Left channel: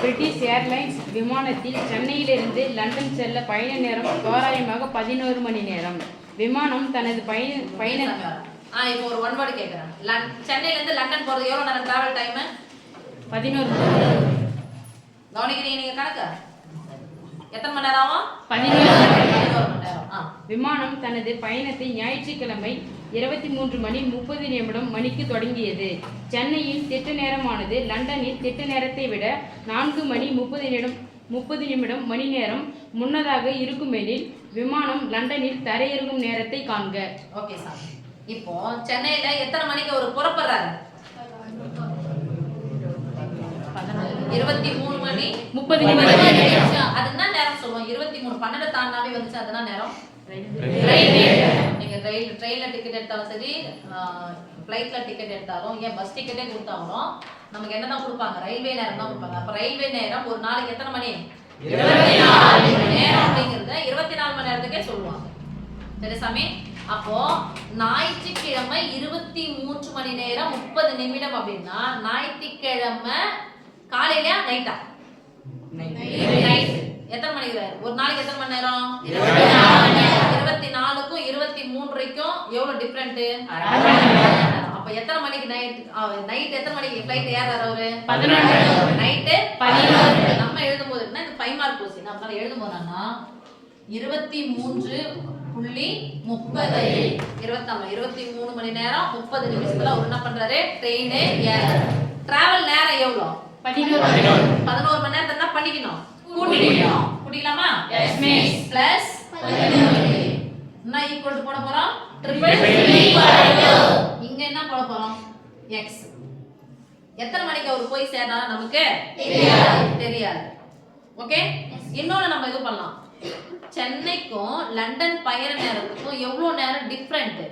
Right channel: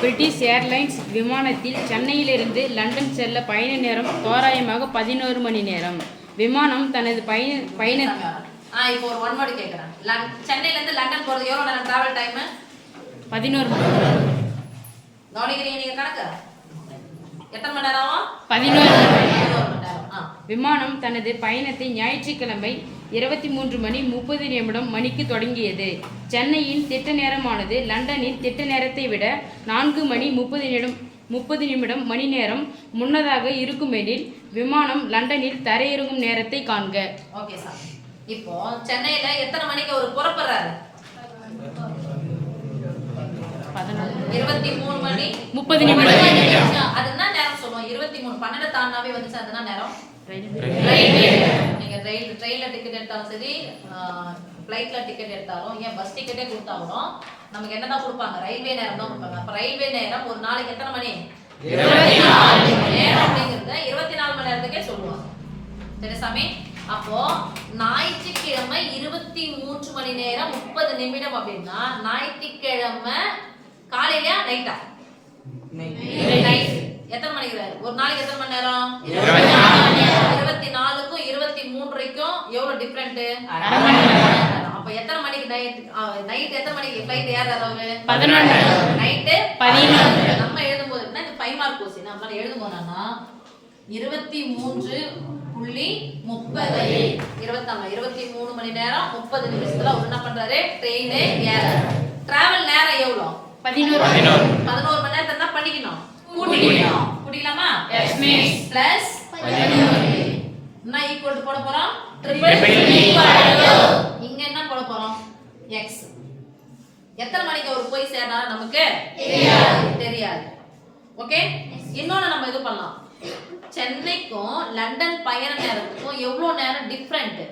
British airlines விமானத்தில் சென்னையிலிருந்து London செல்ல பயண நேரம் தோராயமாக 11 மணி நேரம். விமானம் தனது பயண இப்போ ஒரு ஒன் வேர்ட் கேக்குறேன். சென்னையில இருந்து லண்டன் போறது எவ்வளவு நேரம் டிராவல் டைம்? 11 மணி நேரம். கவனிக்கிறீங்க நீங்க கணக்கு? எத்தனை மணி நேரம்? 11 மணி நேரம். விமானம் தனது பயணத்தை ஞாயிற்றுக்கிழமை 23:30 மணிக்கு தொடங்கியது. சென்னையின் திட்ட நேரமானது லண்டனின் திட்ட நேரத்தை விட 4:30 மணி நேரம் முன்னதாக இருக்குமெனில் விமானம் லண்டனில் தரையிறங்கும் நேரத்தை காண்க. Okay sir. இப்போ சென்னையில எத்தனை மணிக்கு அவர் புறப்படுறாரு? 23 மணி 30 நிமிடம். அதுதான் நேரம் சொல்லுவோம். 23 12 தாண்டாவே வந்துச்சு அதுதான் நேரம். நீங்க ட்ரெயின்ல டிக்கெட் எடுத்தாலும் சரி, ஃப்ளைட்ல டிக்கெட் எடுத்தாலும், ஏன் பஸ் டிக்கெட்டே கொடுத்தாலும் நமக்கு என்னதான் கொடுப்பாங்க? ரயில்வே நேரம் தான் கொடுப்பாங்க. அப்ப ரயில்வே நேரம் ஒரு நாளைக்கு எத்தனை மணி? 24 மணி நேரம் அப்படிங்கறத 24 மணி நேரத்துக்கே சொல்லுவாங்க. சரி சாமி. அப்போ ஞாயிற்றுக்கிழமை 23 மணி நேரம் 30 நிமிடம் அப்படின்னா ஞாயிற்றுக்கிழமை காலையில நைட்டா? நைட். எத்தனை மணிக்கு? ஒரு நாளைக்கு எத்தனை மணி நேரம்? 24க்கும் 23க்கும் எவ்வளவு டிஃபரெண்ட்? அப்ப எத்தனை மணிக்கு நைட் எத்தனை மணிக்கு ஃளைட் ஏறாரு அவரு? 11 நைட் 11. நம்ம எழுதும்போது என்ன இது 5 மார்க் क्वेश्चन. நம்மால எழுதும்போதுனா 23:30 23 மணி நேரம் 30 நிமிஷத்துல அவர் என்ன பண்றாரு? ட்ரெயின் ஏறாரு. டிராவல் நேரம் எவ்வளவு? 11 மணி நேரத்தை என்ன பண்ணிக்கணும்? கூட்டிக்கணும். கூட்டிக்கலாமா? Yes miss. பிளஸ் 11 என்ன ஈக்குவல் போட போறோம்? ட்ரிபிள் இங்க என்ன போட போறோம்? எக்ஸ். எத்தனை மணிக்கு அவர் போய் சேரணும் நமக்கு தெரியாது. ஓகே. இன்னொன்னு நம்ம இது பண்ணலாம். சென்னைக்கும் லண்டன் பயண நேரத்துக்கும் எவ்வளவு நேரம் டிஃபரெண்ட்?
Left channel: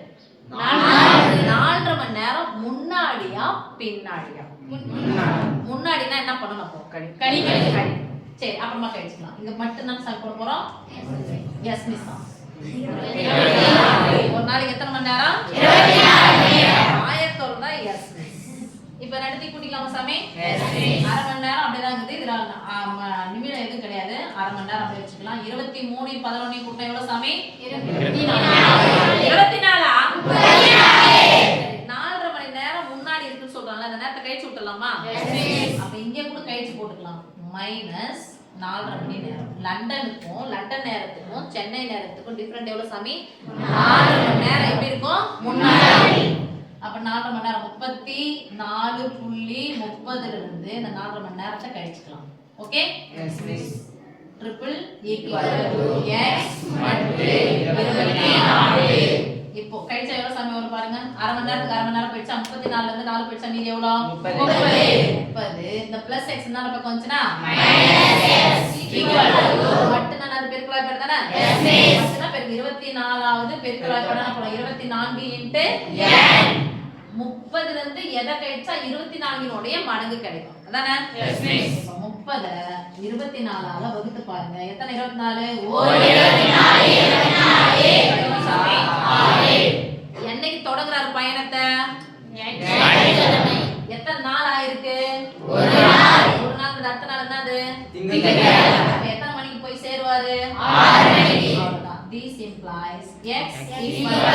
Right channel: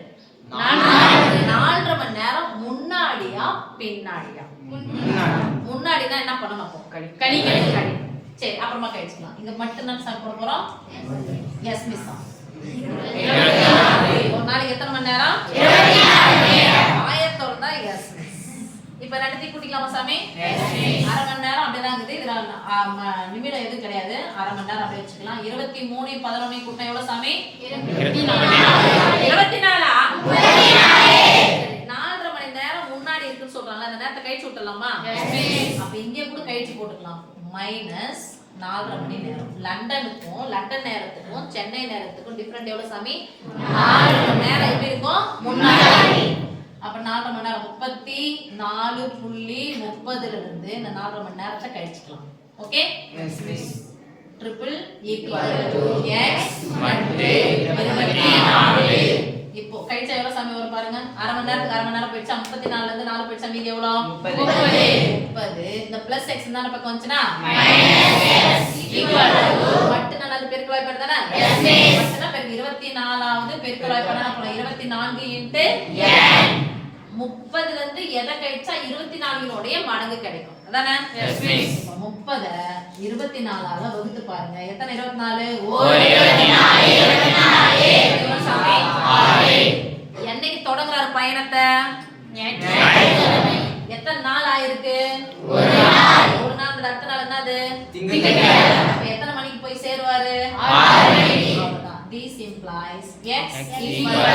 4.5 மணி நேரம் முன்னாடியா பின்னாடியா? முன்னாடினா என்ன பண்ணணும்? அப்போ கழி. சரி, அப்புறமா கழிச்சுக்கலாம். இங்க மட்டும் தான் சார் போட போறோம். Yes miss. ஒரு நாளைக்கு எத்தனை மணி நேரம்? 24 ஆயத்தோட தான் எஸ் மிஸ். இப்போ ரெண்டுத்தையும் கூட்டிக்கலாமா சாமி? அரை மணி நேரம் அப்படிதான் இருக்குது. இதுல நிமிடம் எதுவும் கிடையாது. அரை மணி நேரம் அப்படியே வச்சுக்கலாம். 23 11 கூட்டம் எவ்வளவு சாமி? 24. 4.5 மணி நேரம் முன்னாடி இருக்குன்னு சொல்றாங்க. அந்த நேரத்தை கழிச்சு விட்டுலாமா? அப்ப இங்க கூட கழிச்சு போட்டுக்கலாம். மைனஸ் 4.5 மணி நேரம். லண்டன் நேரத்துக்கும் சென்னை நேரத்துக்கும் டிஃபரெண்ட் எவ்வளவு சாமி? 4 மணி நேரம். எப்படி இருக்கும்? முன்னாடி. அப்ப 4 மணி நேரம் 34.30 இருந்து இந்த 4 மணி நேரத்தை கழிச்சுக்கலாம். Okay? Yes miss. Triple equal to x mod 24. இப்போ கழிச்சா எவ்வளவு சாமி வரும் பாருங்க. அரை மணி நேரத்துக்கு அரை மணி நேரம் போயிடுச்சா? 34ல இருந்து 4 போயிடுச்சா? மீதி எவ்வளவு? 30. இந்த பிளஸ் எக்ஸ் என்ன பக்கம் வந்துச்சுனா மைனஸ் எக்ஸ் ஈக்குவல் டு மட்டும் நான் பெருக்கல் வாய்ப்பாடு தானே? Yes miss. மட்டும்னா பெருக்கு 24வது பெருக்கல் வாய்ப்பாடு என்ன பண்ணலாம்? 24 இன்டு n 30ல இருந்து எதை கழிச்சா 24 உடைய மடங்கு கிடைக்கும். அதானே? Yes miss. 30 24ஆல வகுத்து பாருங்க. எத்தனை 24? ஒரு 24. என்னைக்கு தொடங்குறாரு பயணத்தை? எத்தனை நாள் ஆயிருக்கு? ஒரு நாள். ஒரு நாள். அடுத்த நாள் என்னது? திங்கட்கிழமை. எத்தனை மணிக்கு போய் சேருவாரு? 6 மணிக்கு. அவ்வளவுதான். This implies x equal to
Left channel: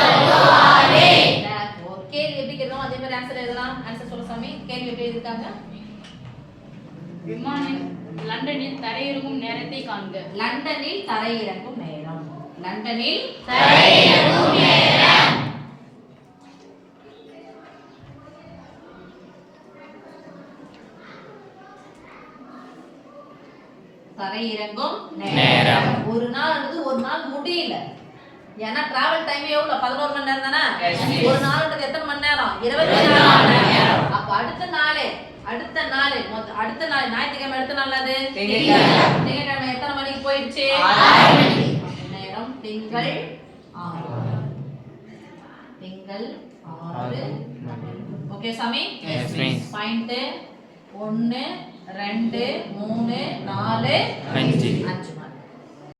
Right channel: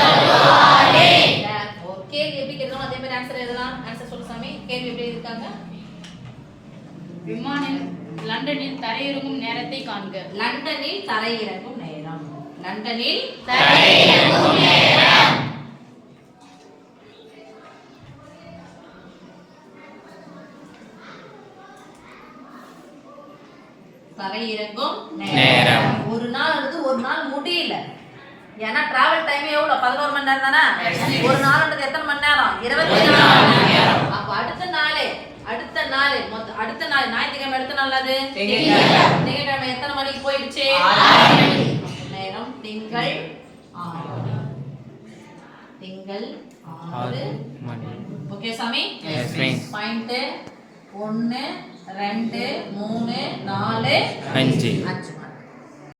6. Therefore கேள்வி எப்படி கேட்கணும் அதே மாதிரி ஆன்சர் எழுதலாம். ஆன்சர் சொல்ல சாமி. கேள்வி எப்படி இருக்காங்க? விமானம் லண்டனில் தரையிறங்கும் நேரத்தை காண்க. லண்டனில் தரையிறங்கும் நேரம். லண்டனில் தரையிறங்கும் நேரம். தரையிறங்கும் நேரம். ஒரு நாள் ஒரு நாள் முடியல. ஏன்னா டிராவல் டைம் எவ்வளவு? 11 மணி நேரம் தானே? ஒரு நாள்ன்றது எத்தனை மணி நேரம்? 24 மணி நேரம். அப்ப அடுத்த நாள் ஞாயிற்றுக்கிழமை அடுத்த நாள் அது திங்கட்கிழமை எத்தனை மணிக்கு போயிடுச்சு? 6 மணிக்கு. நேரம் திங்கள் 6. திங்கள் 6. ஓகே சாமி? Yes miss. பாயிண்ட் 1 2 3 4 5